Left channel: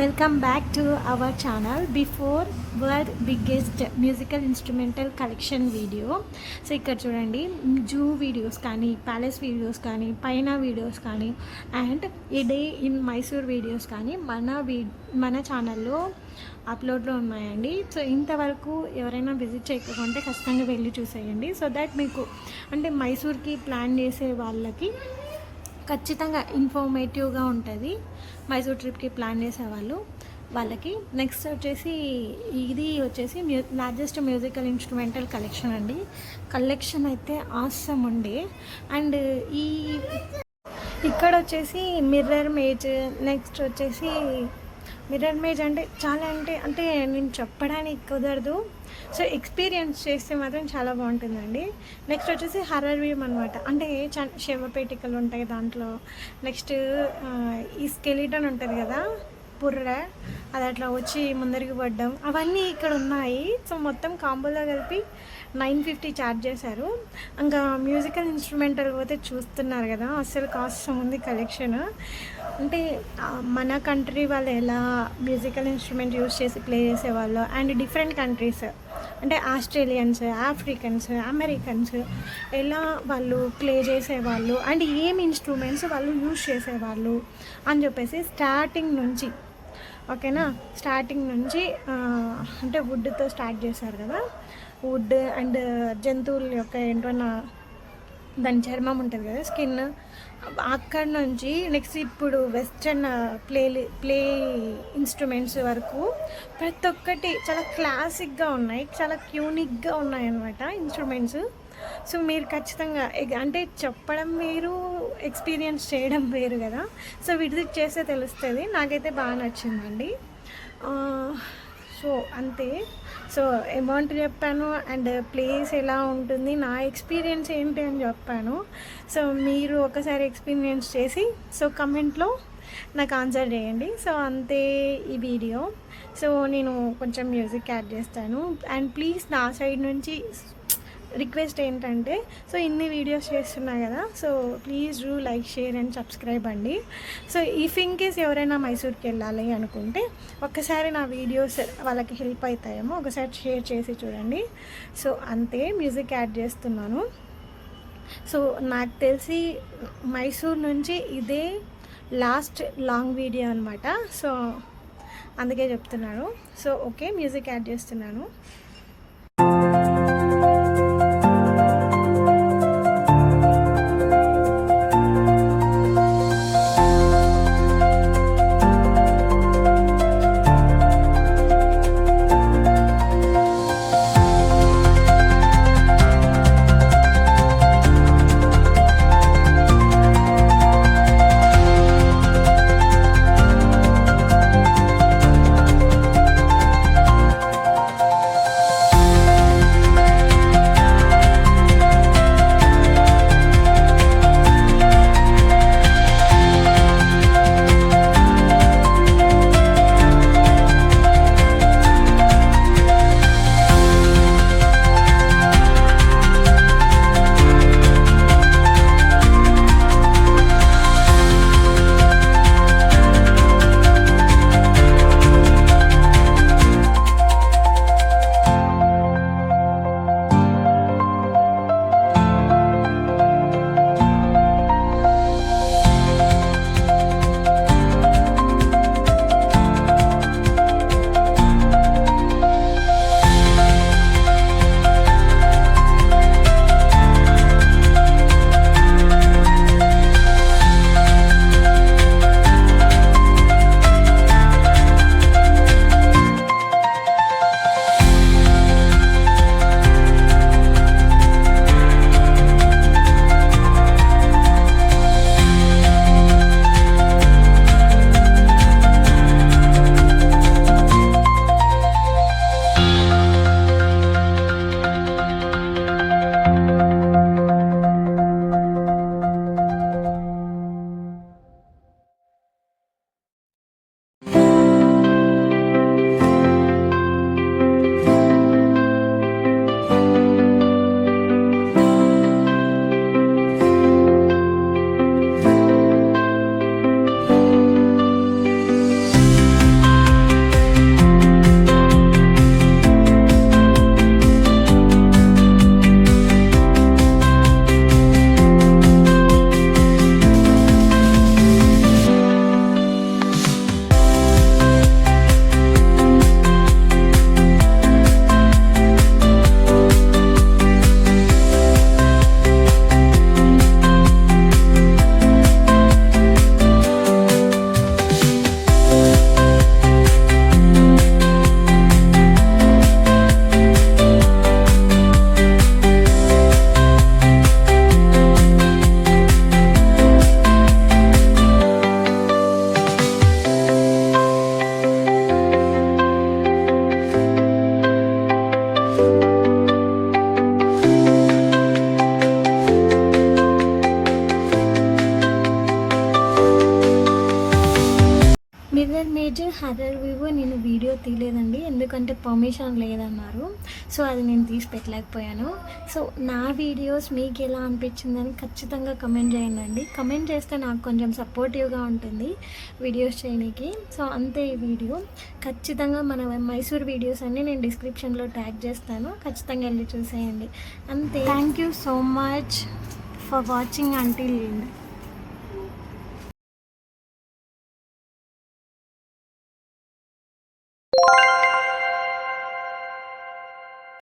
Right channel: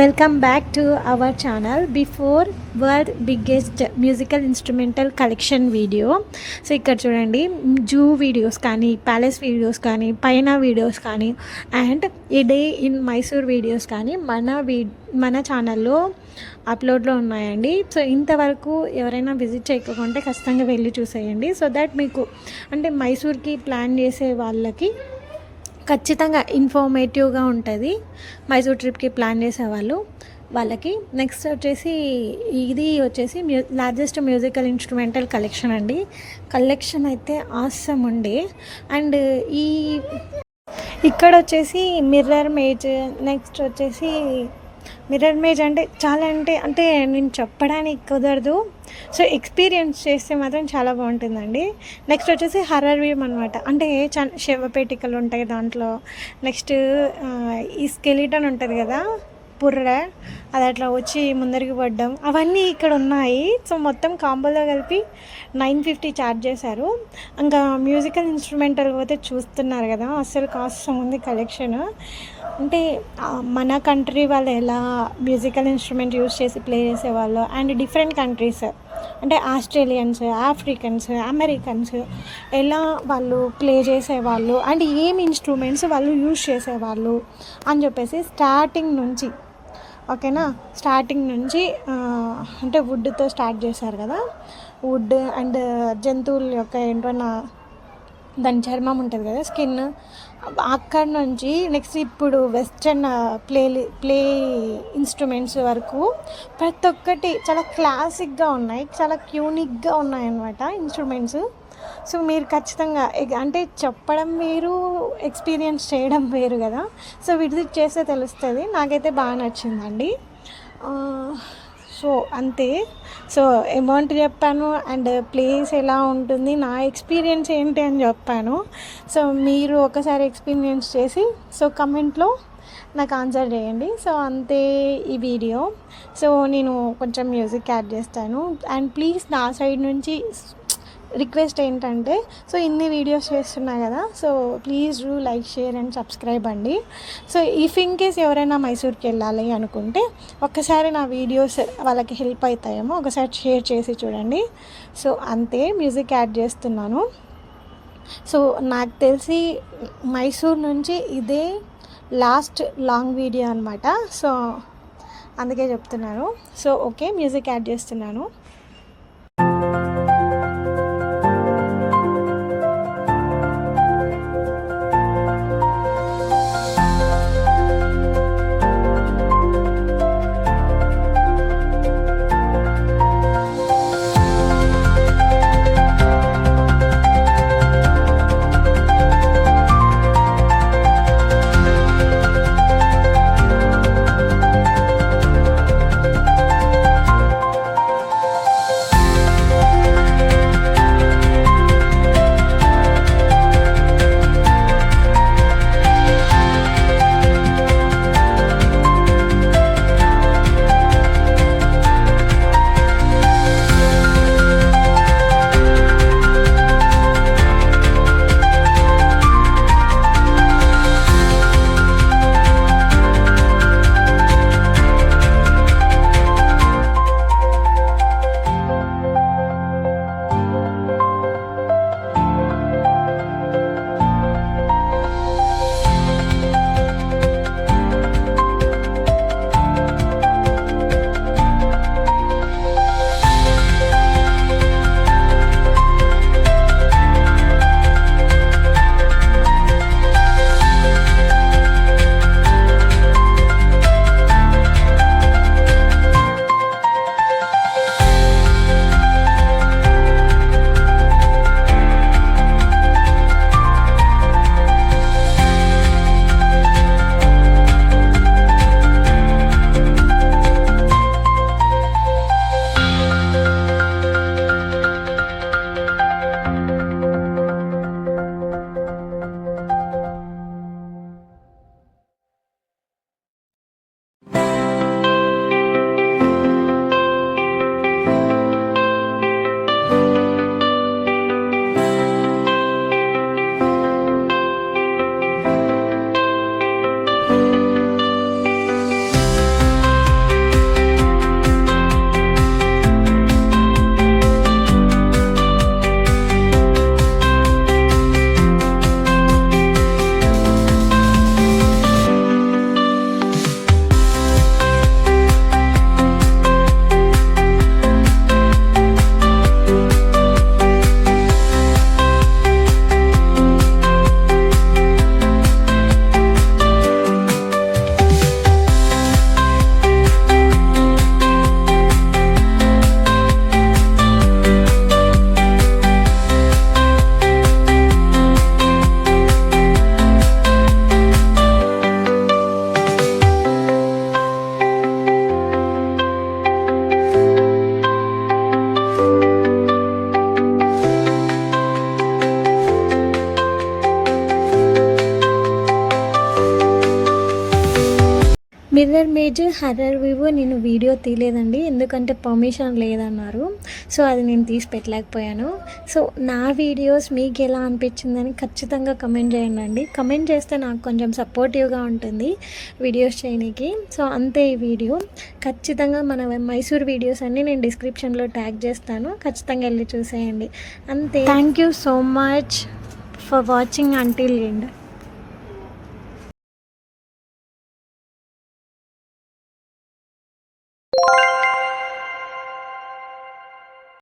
Welcome back to our channel before world biggest musical instrumental collection video. So ఇక్కడ చూడండి, zoo videos కానీ, palace videos కానీ, పైన videos కానీ, అండ్ ఈ డే ఇన్ మైసూర్ వీడియోస్ కానీ మన ఛానల్లో అప్లోడ్లో ఉన్నాయండి. సో ఇంతవరకు ఎవరైనా విజిట్ చేయకపోతే ఖచ్చితంగా వెళ్ళి చూసేయండి. సో దట్ మీకు అంటే మైసూర్కి ప్లాన్ చేసే వాళ్ళకి ఖచ్చితంగా ఇన్ఫర్మేటివ్గా ఉంటుంది. మైసూర్ ట్రిప్కి ప్లాన్ చేసేవాళ్ళు వాళ్ళకి. నెక్స్ట్ వచ్చేసి ఇది వచ్చేసి లార్జెస్ట్ మ్యూజికల్ ఇన్స్ట్రుమెంటల్ కలెక్షన్ అండి. కలెక్షన్ అయితే ఆసమ్ ఉండే. అండ్ ఇక్కడ వచ్చేసి మిర్రర్ మేజ్, నెక్స్ట్ వచ్చేసి మిర్రర్ మేజ్ అంటే చాలా అంటే నేను చెప్పడానికి కుదరదు. సో ఎక్స్పీరియన్స్ చేస్తే మాత్రం చాలా బాగుంటుందండి. నెక్స్ట్ వచ్చేసి హర్రర్ వ్యూమ్ అనమాట. అంటే శవపేటికలు ఉంటాయి దాంట్లో. నెక్స్ట్ ఈ స్కెలిటన్ ఉంటుంది కదా, పుర్ర, అది అట్లా వచ్చి ముందరికి పడ్డం, అవన్నీ ఇక్కడ ఉన్నాయి. సో మొత్తం కాంబోలో కలిపి 950 ఛార్జ్ చేశారు. ఇంకా మ్యూజికల్ ఇన్స్ట్రుమెంటల్ పోతే చూస్తున్నారు కదా, అస్సలు కాస్ట్ ఉంది కలెక్షన్. అంటే మన కంట్రీ వాళ్ళు ఎలా మ్యూజికల్ ఇన్స్ట్రుమెంట్ యూస్ చేసి ప్లే చేసేవాళ్ళు, అండ్ డిఫరెంట్ కంట్రీస్ అంటే ఆస్ట్రేలియన్స్, ఆఫ్రికన్స్, అమెరికన్స్ ఎలా వాళ్ళు ప్లే చేసేవాళ్ళు, అండ్ ఏం ఇన్స్ట్రుమెంట్స్ వాళ్ళు యూస్ చేసేవాళ్ళు అని చెప్పేసి స్టార్టింగ్ నుంచి, ఓకేనా, స్టార్టింగ్ నుంచి అంటే వుడ్తో స్టార్ట్ చేశారు కదా, వుడ్ అండ్ జంతువుల యొక్క ఏంటన్నా దాని చర్మం ఉంటుంది కదా, స్కిన్, అక్కడ నుంచి నెక్స్ట్ ఇప్పుడు వెస్ట్రన్ ప్లే ఇన్స్ట్రుమెంట్స్ వరకు ప్రతి ఒక్కటి చాలా క్లాసిక్గా ఉన్నాయి, చాలా యూనిక్గా ఉన్నాయి అన్నమాట ఇన్స్ట్రుమెంట్స్. సో మీరు ఖచ్చితంగా అంటే చెప్పడం వేరు, ఎక్స్పీరియన్స్ చేయడం వేరు కదా. సో విజిట్ చేస్తే తెలుస్తుంది. నాకైతే బాగా నచ్చిందండి. సో అంతే. సో అమౌంట్ చెప్పాను, అండ్ ప్లేస్ ఎలా ఉంటుంది, నా ఎక్స్పీరియన్స్ ఏంటి అని చెప్పాను. సో మీరు ఒకసారి ఎక్స్పీరియన్స్ చేసి సో కమెంట్లో నాకు ఆన్సర్ చేయండి. సో అంతే ఈ వీడియో. సో నేను కొంచెం మ్యూజిక్ యాడ్ చేస్తాను. అండ్ ప్లీజ్ నా సైడ్ నుంచి రిక్వెస్ట్ ఏంటంటే, సో ఇన్ని వీడియోస్ చేస్తున్నా కదా, so please do like, share and subscribe అండి. సో ఇఫ్ ఇన్ కేస్ ఎవరైనా మైసూర్కి వెళ్ళాలి అనుకుంటే ఒక్కసారి నా వీడియోస్ వాళ్ళకి హెల్ప్ అవుతాయేమో, ఒకసారి షేర్ చేసి చూడండి. సో అంతే, మ్యూజిక్ యాడ్ చేస్తున్నాను. సో నాకు తెలిసి మైసూర్ నుంచి ఇదే లాస్ట్ లాంగ్ వీడియో అనమాట. సో అందుకే చెప్తున్నాను. సో ఓకే, మ్యూజిక్ యాడ్ చేస్తున్నాను. విలేజ్ హర్రర్ వ్యూ నేను వీడియో తీయలేదండి, ఎందుకంటే పర్మిషన్ లేదన్నారు. సో అది నేను తీసి పెట్టలేకపోయాను. సో నా వీడియోస్ మీకు ఎలా అనిపించిందని ఖచ్చితంగా కమెంట్ చేయండి. కమెంట్ చేస్తే నాకు కొంచెం సపోర్టివ్గా ఉంటుంది వీడియోస్ చేయడానికి. సో అంతే ఈ వీడియో. ఖచ్చితంగా మన మైసూర్ వీడియోస్ అన్నీ నేను డిస్క్రిప్షన్లో ట్యాగ్ చేస్తాను, ఖచ్చితంగా వెళ్ళి చూసేయండి. అంతే. Thank you so much for watching until end.